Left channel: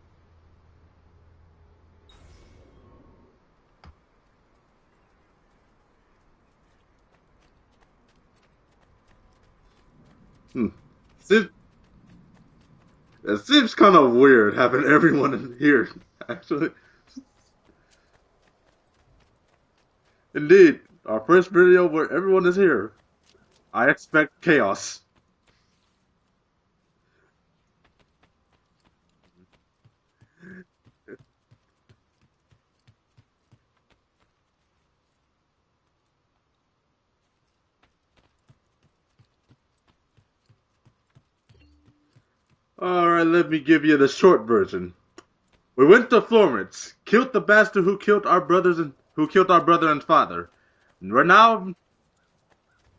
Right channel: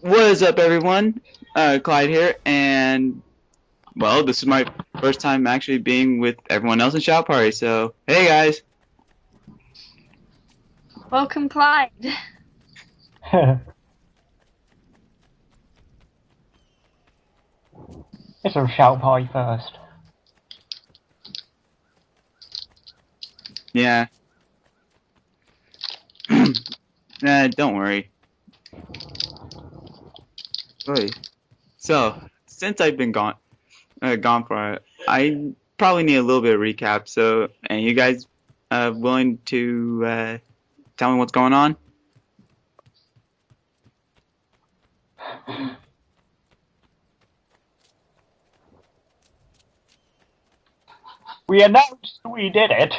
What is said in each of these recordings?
What is up, everyone? Clyde here, and well, this is my first time actually being with everyone else in Shout Party. So, hey guys. Hmm. Welcome, Seems, Clyde. it seems kind of weird having everyone in here, actually. It's a shout party first. Indeed, our first video where everyone is here. I Yeah. expect chaos. Don't worry. Wait. So, since I've been gone for I probably need a little bit of recap. So, and you guys, willing to tell me what's going on? Alright, let me give you the short version. We went to Florence, killed the bastard who killed our brother and father. And We announced we did it.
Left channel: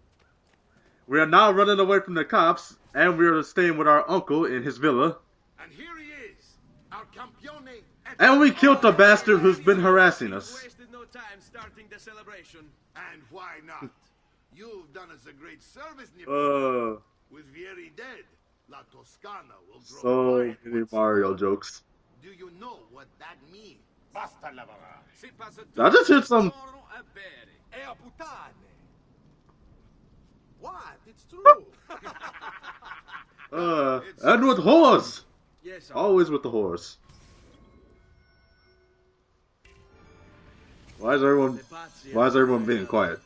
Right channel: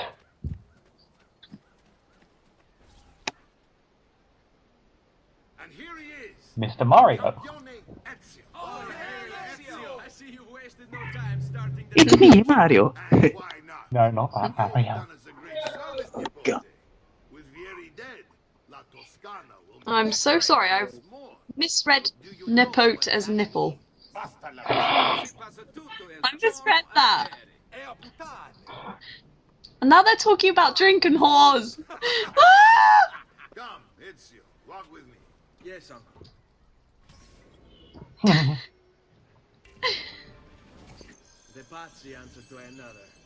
we are now running away from the cops, and we are staying with our uncle in his villa. And here he is, Mr. Mario. And we killed the bastard who's been harassing us. It's me, Mario. And why not? No, not that You've Mario. done us a great service, Nippon. With Vieri dead, La Toscana will go. I'm so sorry. I Mario jokes. misread nippote as nipple. I just hit I some. misread that. And now they're talking about drinking whores. And with whores. Yes, Always with the whores. Why is everyone being quiet?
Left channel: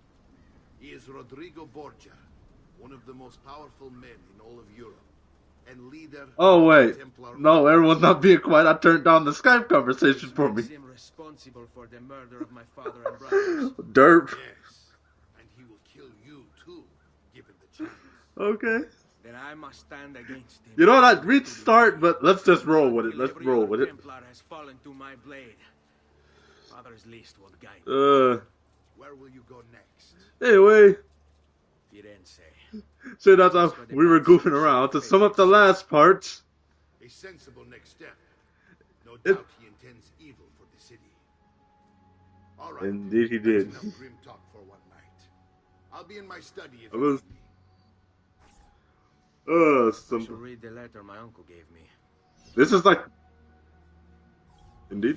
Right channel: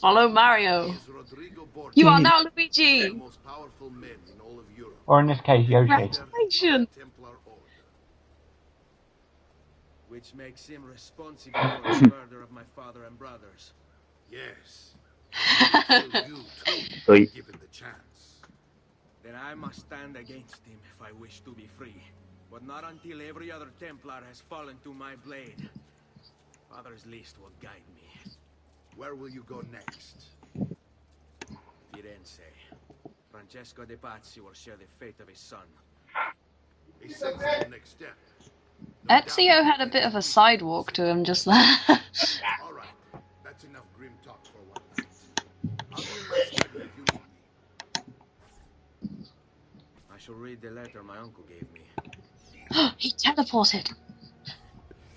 Follow Mario. He is Rodrigo Borgia, You are now the Luigi. most powerful man in all of Europe. Or in this case, Yoshi. Oh wait, no, everyone's not being quiet. I turned down the Skype conversation for me. Makes him responsible for the murder of my father and brothers. Derp. Yes. Kill you too, Wait. given the chance. Okay. Then I must stand against him. You know what? Restart, but let's just roll with it. Let's roll with it. Templar has fallen to my blade. Father's least will guide me. Where will you go next? Anyway, Firenze. so that's how we were goofing around. To sum up the last parts, A sensible next step. Ezio had a bit of a sidewalk to him just there. All right. indeed he That's did. enough grim talk for one night. I'll be in my study if I you was- want me. I Some, shall read the letter my uncle gave me. this is like, He teleported. indeed.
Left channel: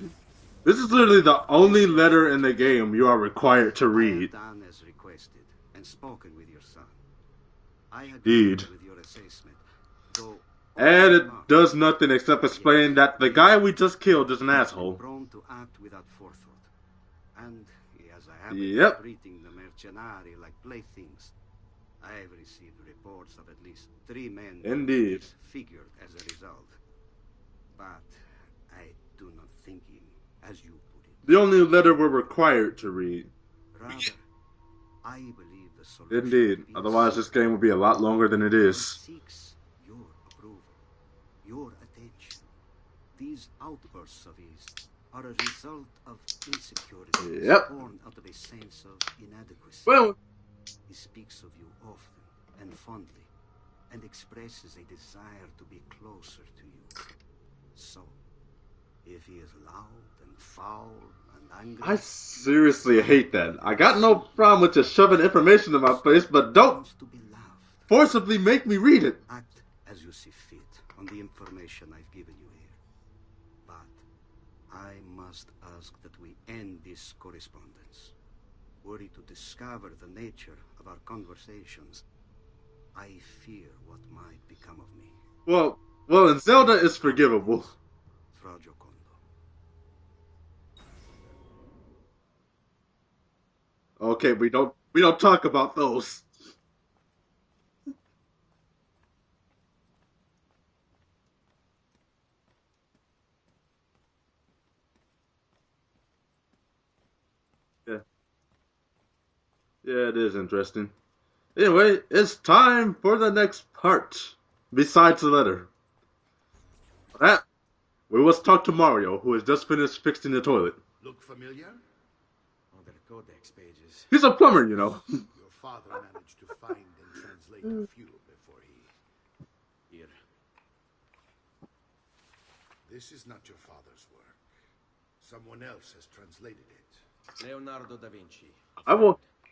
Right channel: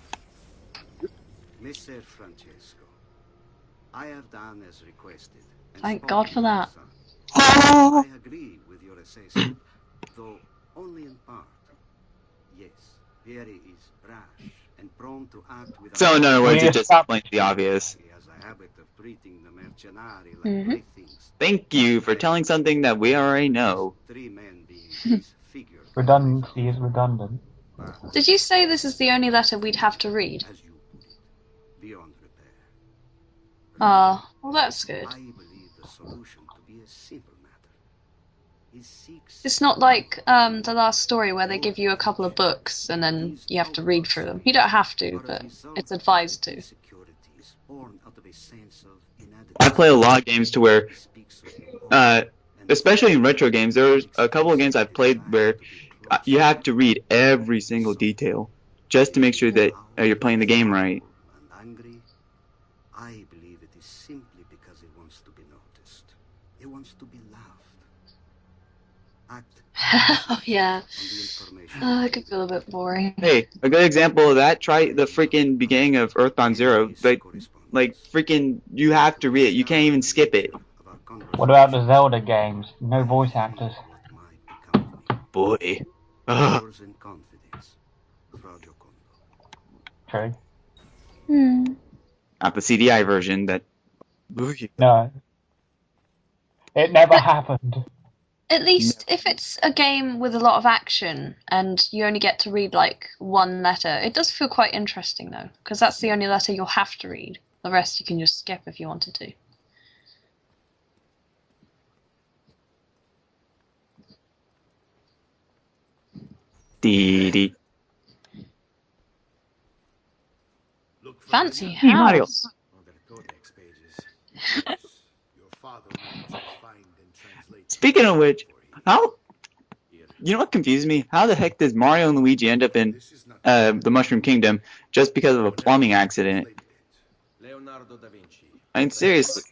This is literally the only letter in the game you are required to read. Thank God for that. Indeed. And it does nothing except explain that the guy we just killed is an asshole. So, in other words, it just explains the obvious. Yep. Mhm. Thank you for telling something that we already know. Indeed. Redundancy is redundant. Did you say this is the only letter we'd have to read? The only letter we're required to read. Oh, well that's good. Indeed. Otherwise, this game would be a lot longer than it is. It's not like the last story where they give you a couple of books and then you have to read through them. You don't have to, but it's advised to. Yep. I play a lot of games to where, especially in retro games, there's a couple of games I've played where you have to read every single detail just to make sure that you're playing the game right. I seriously hate that. I got no problem with just shoving information in my face, but don't forcibly make me read it. Oh yeah. It could feel a bit boring. Hey, a good example of that, try the freaking beginning of Earthbound Zero. Like freaking, you have to read it. You can't even skip it. What about the Zelda games? No voice actors. Boy. Well, Zelda is forgivable. True. Not the CDI version that... Okay, we don't talk about those. It never happened. At least if it's a game with a lot of action and you only get to read like one letter, it does feel quite interesting though, because that's the only letter you'll have to read. The rest you can just skip if you wanted to. Yeah, it is interesting. Anyway, it's time for the next part. Besides the letter. We must talk to Mario, who has just finished fixing the toilet. Look for Fancy the- Hey, Mario. house. Oh, there are codex pages. He's a plumber, you know. Your father managed to find and translate. Speaking of which, for you. how... Here. You know what confuses me? How the heck does Mario and Luigi end up in This is not the Mushroom Kingdom just because of a plumbing accident? Leonardo da Vinci. I mean, I will- seriously.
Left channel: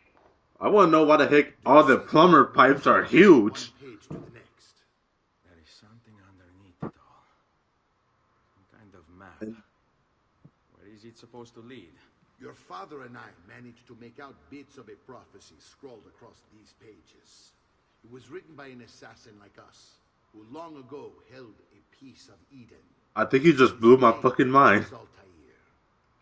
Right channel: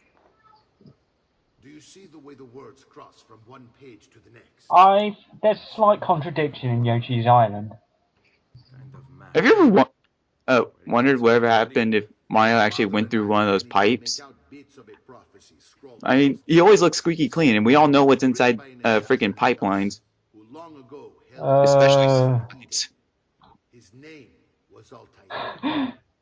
I want to know why the heck all the plumber pipes are huge. One page to the next. I there's a slight contradiction in Yoshi's Island. Kind of mad. Have you ever wondered whatever happened if Mario actually went through one of those pipes? I mean, he always looks squeaky clean, and we all know what's inside freaking pipelines. Especially. I think you just blew my fucking mind.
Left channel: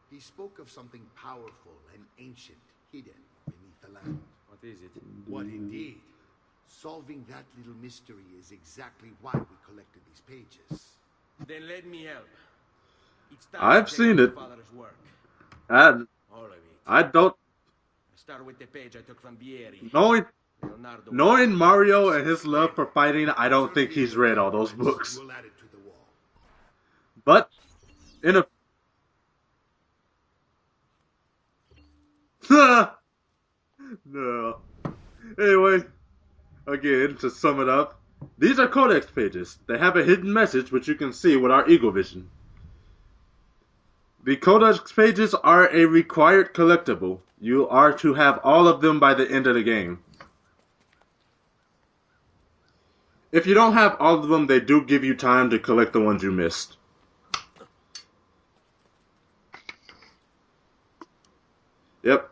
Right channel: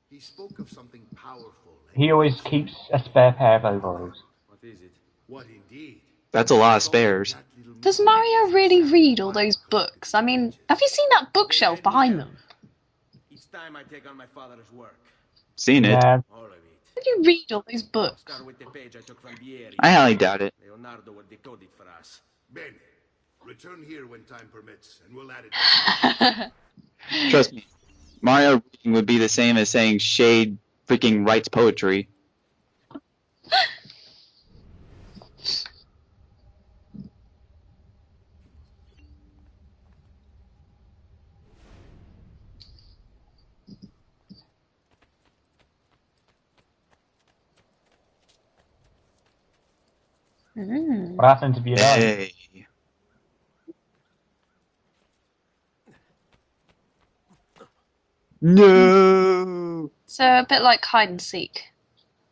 He spoke of something powerful. He always keeps a spare pair of overalls. What is it? What indeed? That's a lot of spares. Does Mario really read all those books? I mean, have you seen that bookshelf behind them? I've seen it. Seen it. Yeah. I You don't. read all those books. I highly doubt it. Knowing Mario and his love for fighting, I don't think he's read all those books. Trust me, Mario reading would be the same as saying Shade freaking writes poetry. No. Anyway, again, to sum it up, these are codex pages. They have a hidden message which you can see with our Eagle Vision. The codex pages are a required collectible. You are to have all of them by the end of the game. What happens if you don't? Hey. If you don't have all of them, they do give you time to collect the ones you missed. No. So a bit like hide and seek. Yep.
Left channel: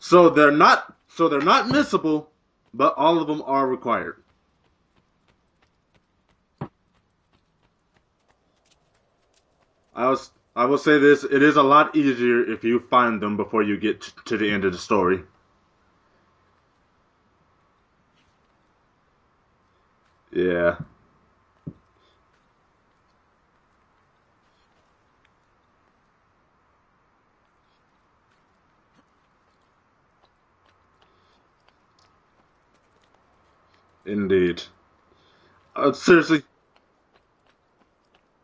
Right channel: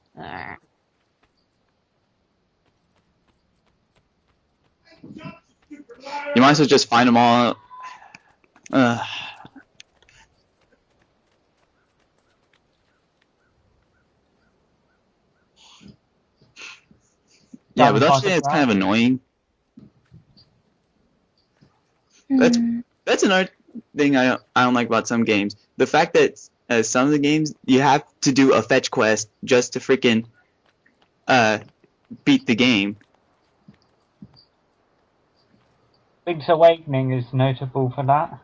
So they're not missable, but all of them are required. You might as well just find them all. I will say this, it is a lot easier if you find them before you get to the end of the story. Yeah, but that's kind of annoying. Yeah. That's another thing I don't like about some games. The fact that some of the games you have to do a fetch quest just to freaking beat the game. Indeed. Seriously. Link's Awakening is notable for that.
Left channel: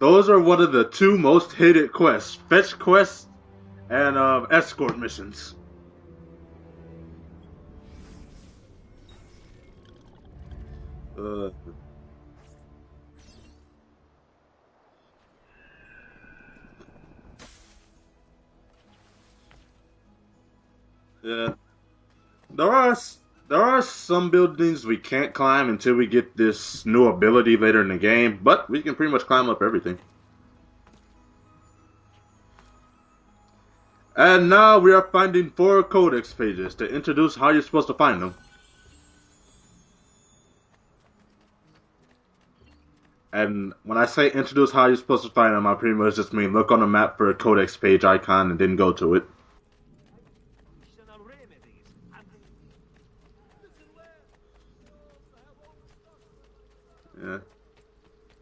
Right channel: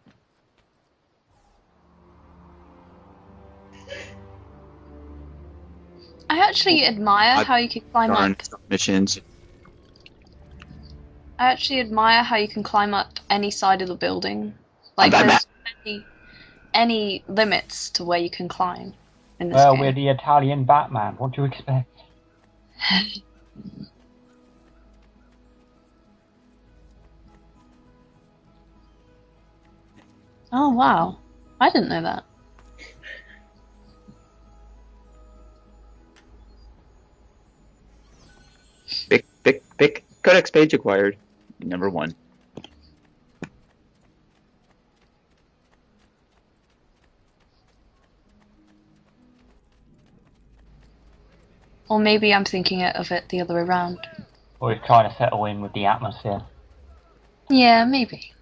Those are one of the two most hated quests. Fetch quests and escort missions. I actually admire how you can climb up. Missions. I actually admire how you can climb up any side of the building. Like there's any limits to where you can climb in this game. We're the Italian Batman. What do you expect? There are some buildings we can't climb until we get this new ability later in the game, but we can pretty much climb up everything. Oh wow, I didn't know that. And now we are finding 4 codex pages to introduce how you're supposed to find them. Pick. Codex page acquired. Number 1. And when I say introduce how you're supposed to find them, I pretty much just mean look on the map for a codex page icon and then go to it. Or maybe I'm thinking of it the other way around. Or he's trying to settle in with the atmosphere. Yeah, maybe.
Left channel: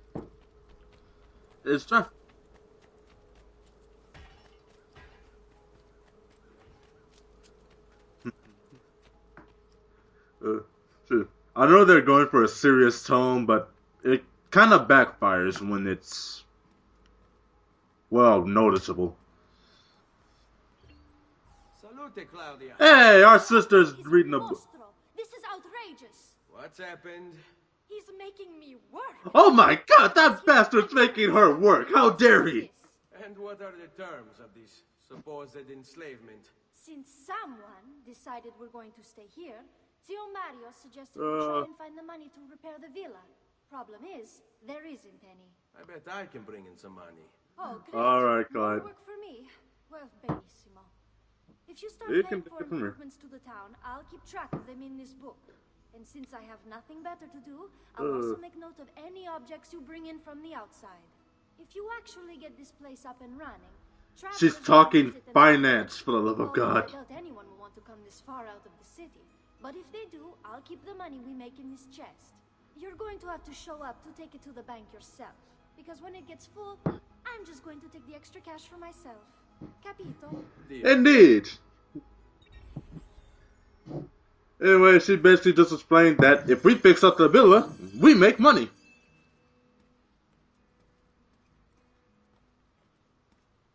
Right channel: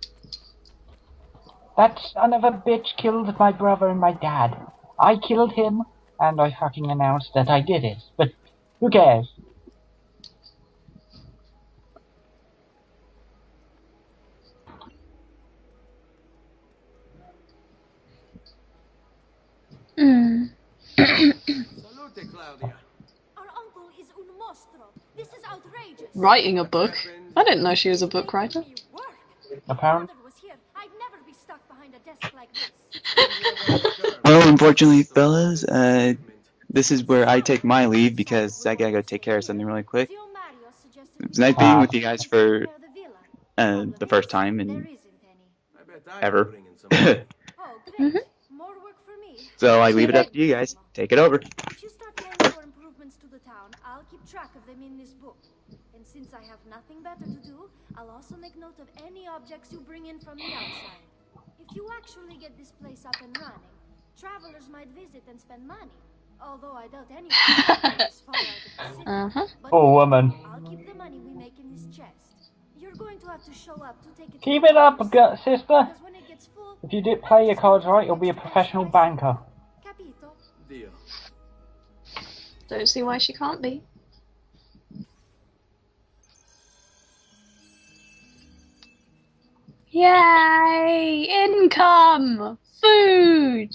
That son of a bitch killed my brother and my dad. I killed him, and I fucking announced that I did it. But who cares? I know they're going for a serious tone, but it kind of backfires when it's, well, noticeable. Hey, our sister's reading a book. This is outrageous. Writing a book? I didn't know she was a book writer. Oh my god, that bastard's making her work. How dare he? Well, unfortunately, fellas, this is where I take my leave because I gotta go take care of something really quick. It's nice being with you guys for the first time in ever. Alright, Clyde. So I leave it up to you guys. Take it over. If you start planning for improvements to the town, I'll keep track of them in this book. And since I have nothing better to do, I'll also make note of any objects you bring in from the outside. If you actually get this place up and running, she's talking finance, for the love of God. Poor woman. I'll keep the money we make in this chest. You're going to have to show up to take it. Keep it up, sister. If you did play your cards right, you'll be a professional banker. Indeed. Don't see why she can't be. Anyway, she basically just explained that if we fix up the villa, we make money. Yay! Income! Food!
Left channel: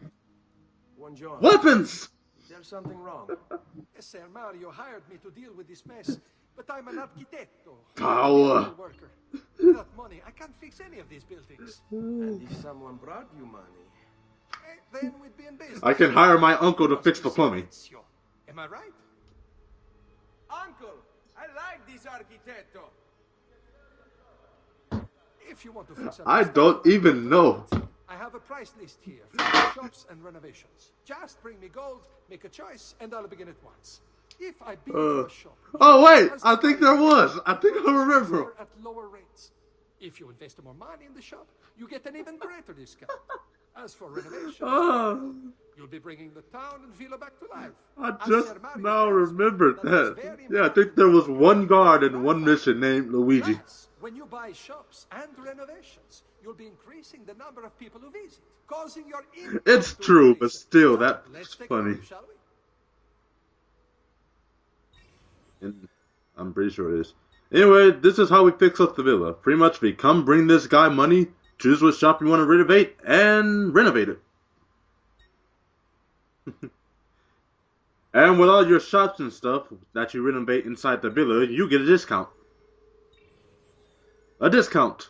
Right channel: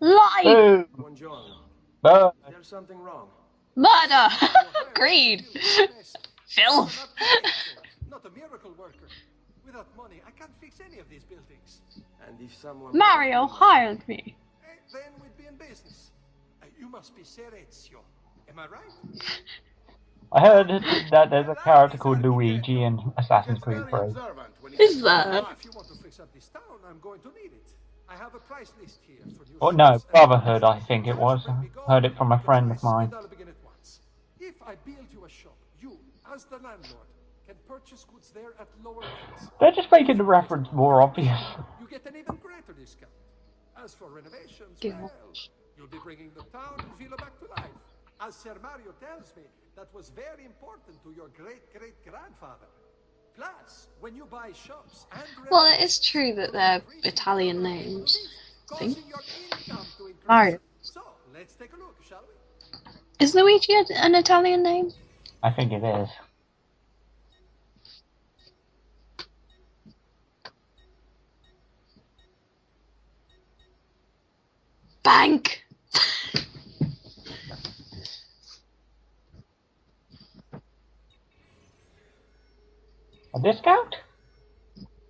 Life! Weapons! There's something wrong. Murder! Greed! Filth! Power! Without money, I can't fix any of these buildings. And if someone Mario hired me. Then we'd be in business. I can hire my uncle to fix the plumbing. Am I right? I heard that there's a character called Luigi in Assassin's Creed 3. Is there? I don't even know. I have a price list here. Oh no, Brotherhood, I think it was. Heard it from a friend of mine. If I bid you a shop, Oh wait, I think there was. I think I remember. at lower rates. They're just making the reference more obvious. You get an even greater discount. As for renovations, you'll be bringing the town and Villa back to life. I just now remembered that. Yeah, I think there was one guard in one mission named Luigi. When you buy shops and Well, it is true that they're Italian names. I think. It's true, but still, that's funny. Is Luigi an Italian name? I think it is. I'm pretty sure it is. Anyway, this is how we fix up the villa. Pretty much, we come bring this guy money, choose what shop you want to renovate, and renovate it. Bank! And with all your shops and stuff that you renovate inside the villa, you get a discount. A discount? A discount.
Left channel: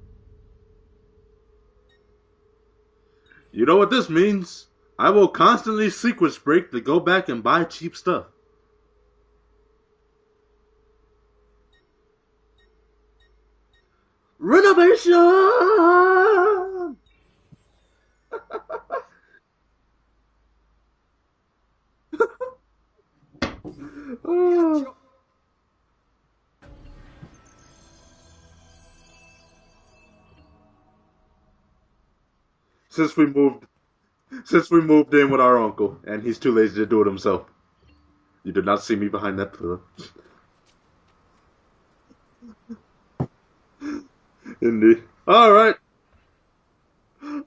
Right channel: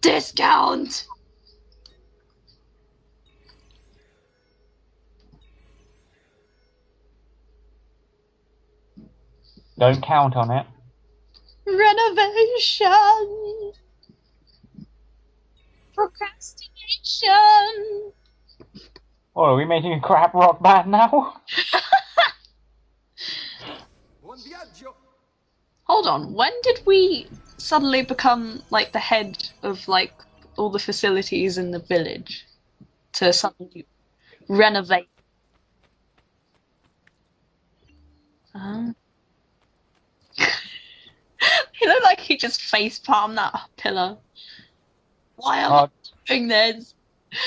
Discount! You know what this means? I will constantly sequence break to go back and buy cheap stuff. Don't count on it. Renovation! Renovation! Oh, are we making a crap rock band now? Hold on, when did we suddenly become, like, the head of, like, all the facilities in the village? Since we moved in with our uncle, and he's too lazy to do it himself. You did not see me behind that pillar. He looked like he just facepalmed that pillar. Indeed. Alright. Doing this.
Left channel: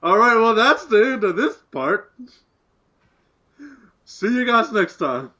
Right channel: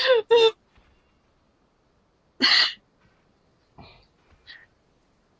Alright, well that's the end of this part. See you guys next time.